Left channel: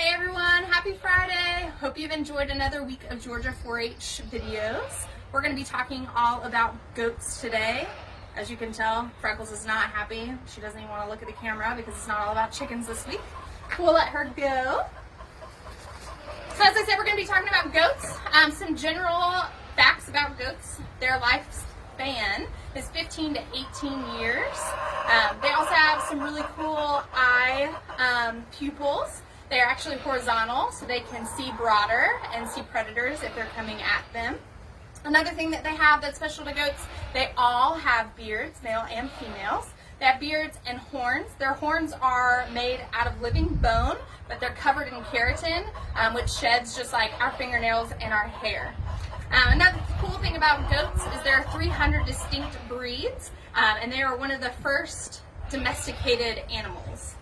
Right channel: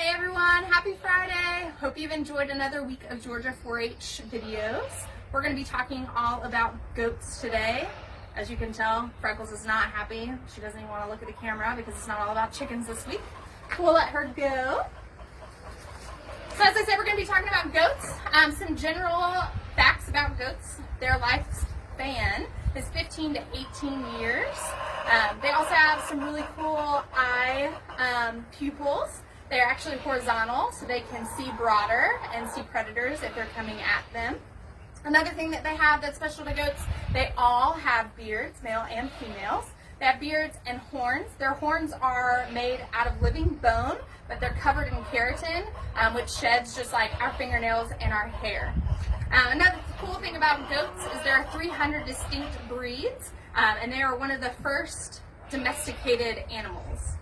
Hey everyone, happy Friday. Hope you've enjoyed another week of Georgia 4-H videos. We're going to be talking all about goats today. As you can tell, Freckles is not happy. She doesn't even want to look at the camera because it's not all about chickens this week. We'll let her go. So as I said, we're going to be talking about goats. Some general facts about goats. Their lifespan is 15 to 18 years. They also have some really cool eye pupils. They're actually horizontal, so they can see broader and see predators if they're coming at them. Another thing that they have that's special to goats, they all have beards, male and females. They have beards and horns. Their horns are made out of living bone, but they're covered in keratin, which sheds just like our fingernails and our hair. Another cool thing about goats is there are 300 distinct breeds, and they are one of the first domesticated animals.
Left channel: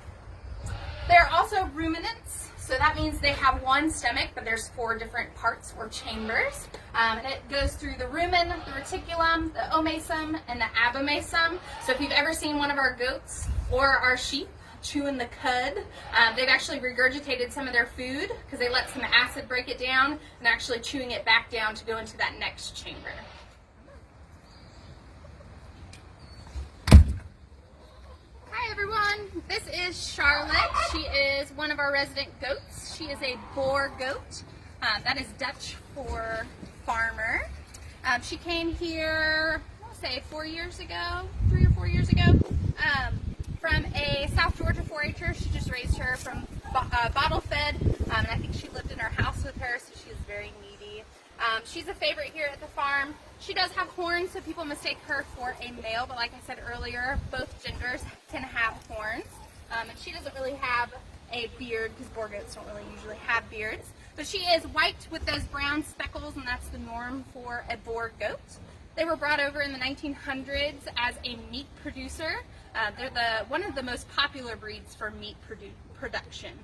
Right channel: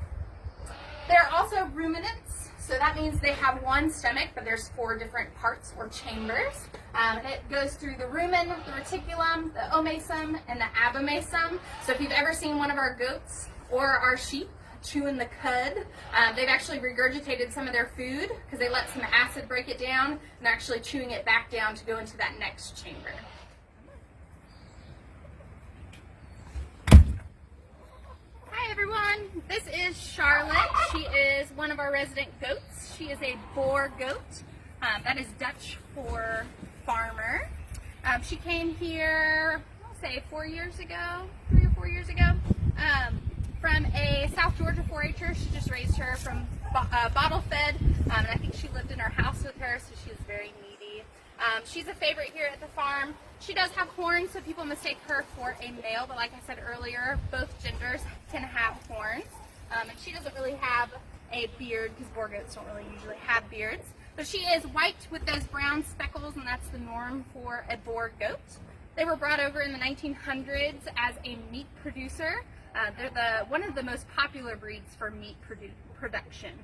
They're also ruminants, so that means they have one stomach, but there's 4 different parts or chambers. And it goes through the rumen, the reticulum, the omasum, and the abomasum. So if you've ever seen one of our goats or our sheep chewing the cud, they've actually regurgitated some of their food because they let some acid break it down and they're actually chewing it back down to go into that next chamber. Hi everyone, this is Charlotte. She is one of our resident goats. She is a boar goat. That is Dutch for farmer. She came here, I'll say 3 or 4 years ago, from a South Georgia 4-H'er. She just raised her from bottle fed, and I think she lived in our house with her, so she was very needy. She's a favorite here at the farm. She does have horns, so people mistake her for a male, but like I said earlier, both genders can have horns. And she doesn't really have a beard because boar goats don't really usually have beards. But she is white with those brown speckles, and that's the norm for a boar goat. They were brought over in the 1900s as a meat producer. They're one of the most popular breeds for meat production.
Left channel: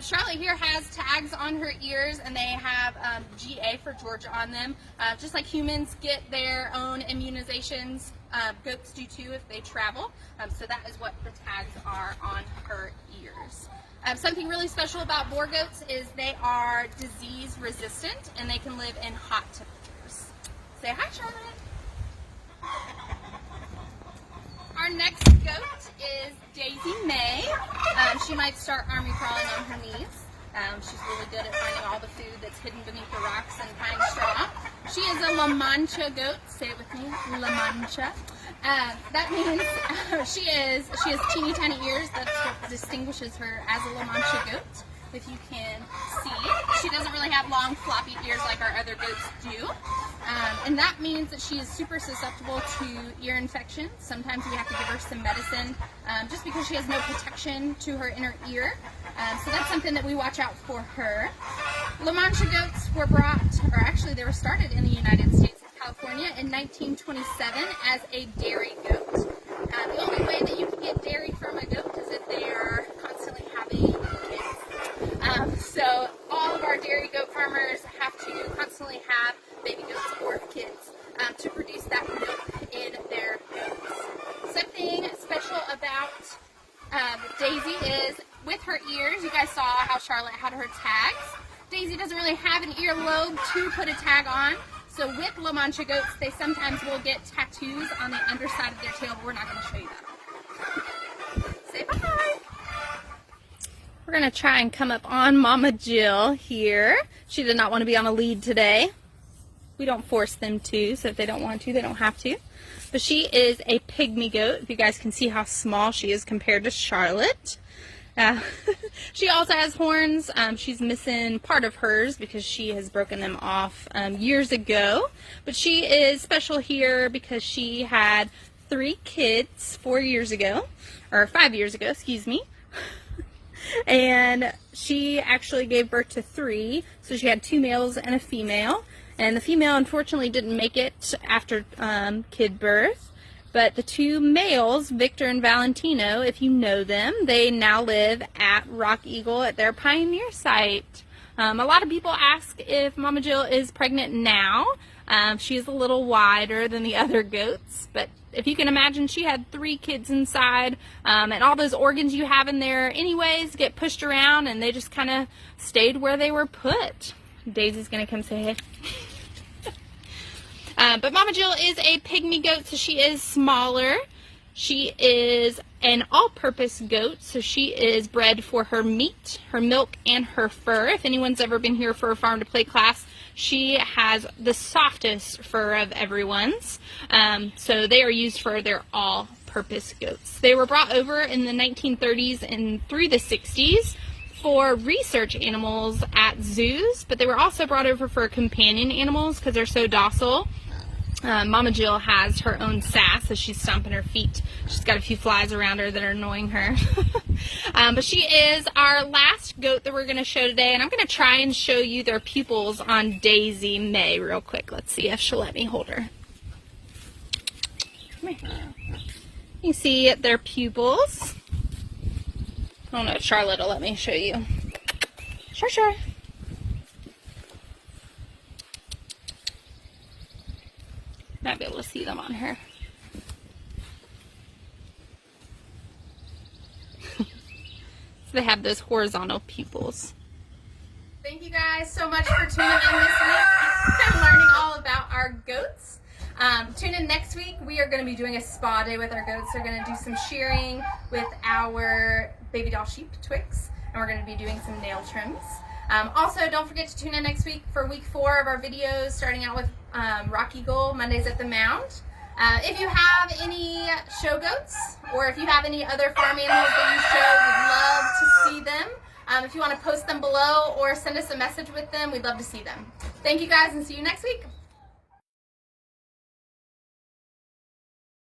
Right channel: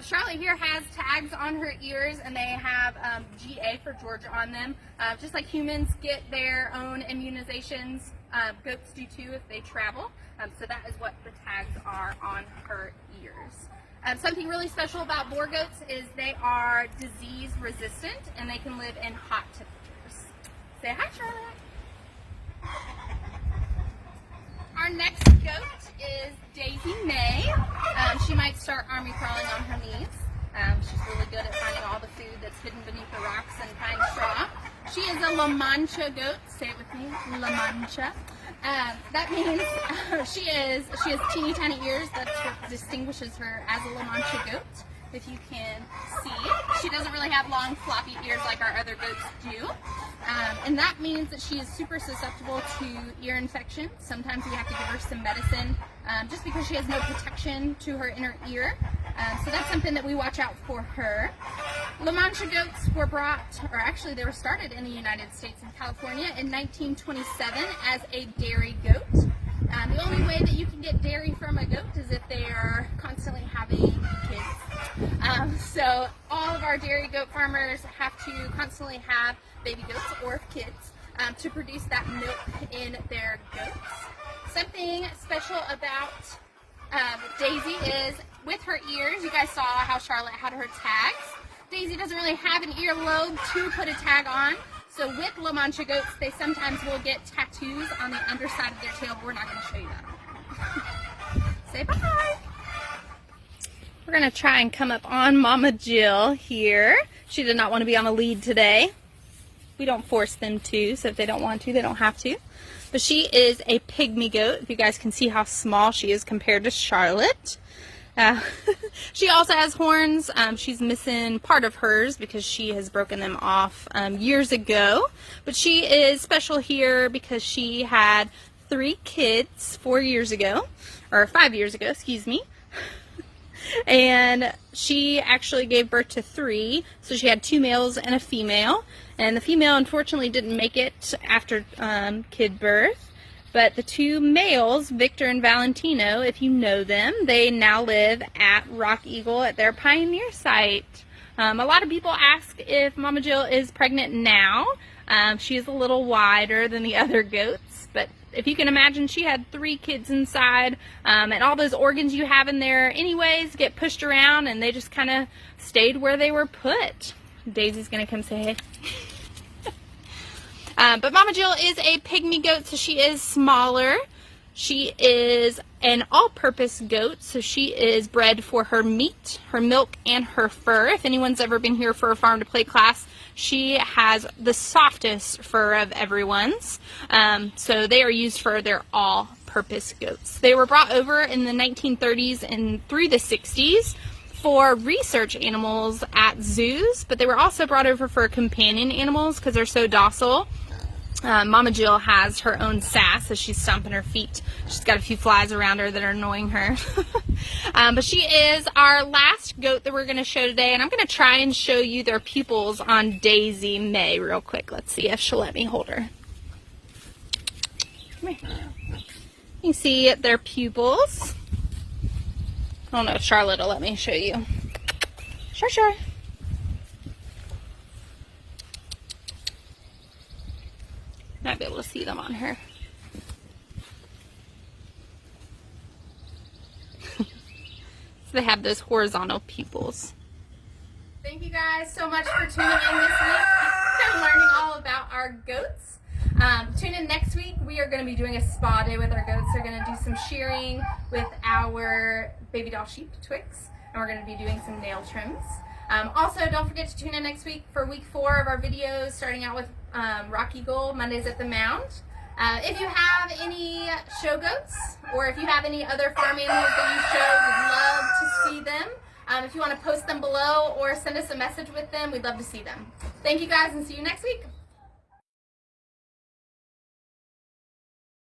Charlotte here has tags on her ears, and they have GA for Georgia on them. Just like humans get their own immunizations, goats do too if they travel. So that is what the tags are on her ears. Something really special about boar goats is they are disease resistant and they can live in hot temperatures. Say hi, Charlotte. Our next goat is Daisy May. She might start army crawling on her knees. She's really good at finding all the food that's hidden beneath the rocks and pine straw. She is a La Mancha goat. Say it with me, La Mancha. That means she has teeny tiny ears. That's what distinguishes her as a La Mancha goat. If you can see, she doesn't really have long floppy ears like our other goats do. And that means that she is super susceptible to ear infections. Sometimes we have to give her some medicine just because she has no protection to her inner ear. So that's something that we watch out for her. La Mancha goats were they were started in the United States and California in 1927 as a dairy goat. The only way that you can get dairy from a goat is if they are constantly having kids. So all of our dairy goat farmers have to constantly have baby goats or kids to produce that milk in their goats. Something special about Daisy is with her ears. You guys saw how Charlotte had her tags. Daisy doesn't really have an earlobe to put a tag on. So with La Mancha goats, they sometimes will get tattoos on the underside of their tail, but we're not going to show you that. Say bye. We're going to try and come up on Mama Jill here. She did not want to be on a lead today. We don't force them to, so if they don't want to, they don't have to. But she is a pygmy goat. If you guys can see how small she is compared to Charlotte. She also has horns. She's missing part of hers because she has broken them off years ago. But she is special here because she had 3 kids 4 years ago, or 5 years ago, excuse me. And she actually gave birth to 3, so she had 2 males and a female. And the female unfortunately didn't make it after kid birth. But the 2 males, Victor and Valentino, if you know them, they now live at Rock Eagle at their pioneer site. A lot of people ask if Mama Jill is pregnant now. She is a little wider than the other goats, but if you can imagine, she had 3 kids inside, and all those organs you have in there anyways get pushed around, and they just kind of stayed where they were put. Daisy's gonna come say hey. But Mama Jill is a pygmy goat, so she is smaller. She is an all-purpose goat, so she is bred for her meat, her milk, and her fur. If anyone's ever been here for a Farm to Play class, she has the softest fur of everyone's. So they are used for their all-purpose goats. They were brought over in the 1930s and through the 60s for research animals at zoos, but they were also brought over for companion animals because they're so docile. Mama Jill has her own sass as she's stomping her feet. She's got a few flies around her that are annoying her. But she is our last goat that we're going to show today, and I'm going to try and show you their pupils on Daisy May real quick. Let's see if she'll let me hold her. Come here. You can see their pupils. I don't know if Charlotte will let me show you. Sure. Might be able to see them on her. So they have those horizontal pupils. Thank you guys so much for tuning in this week and learning all about our goats. Tune in next week. We are going to be doing a spa day with our goats. They're going to do some shearing with our baby doll sheep, Twix, and we're going to be doing some nail trims. Also, don't forget to tune in next week for week 4 of our videos, starting out with Rock Eagle, Mondays at the Mound. If you have any show goats, or if you have any other farm animals that you show, we'd love to see them. If you want to post them below or send us a message with them, we'd love to see them. Thank you guys, and see you next week.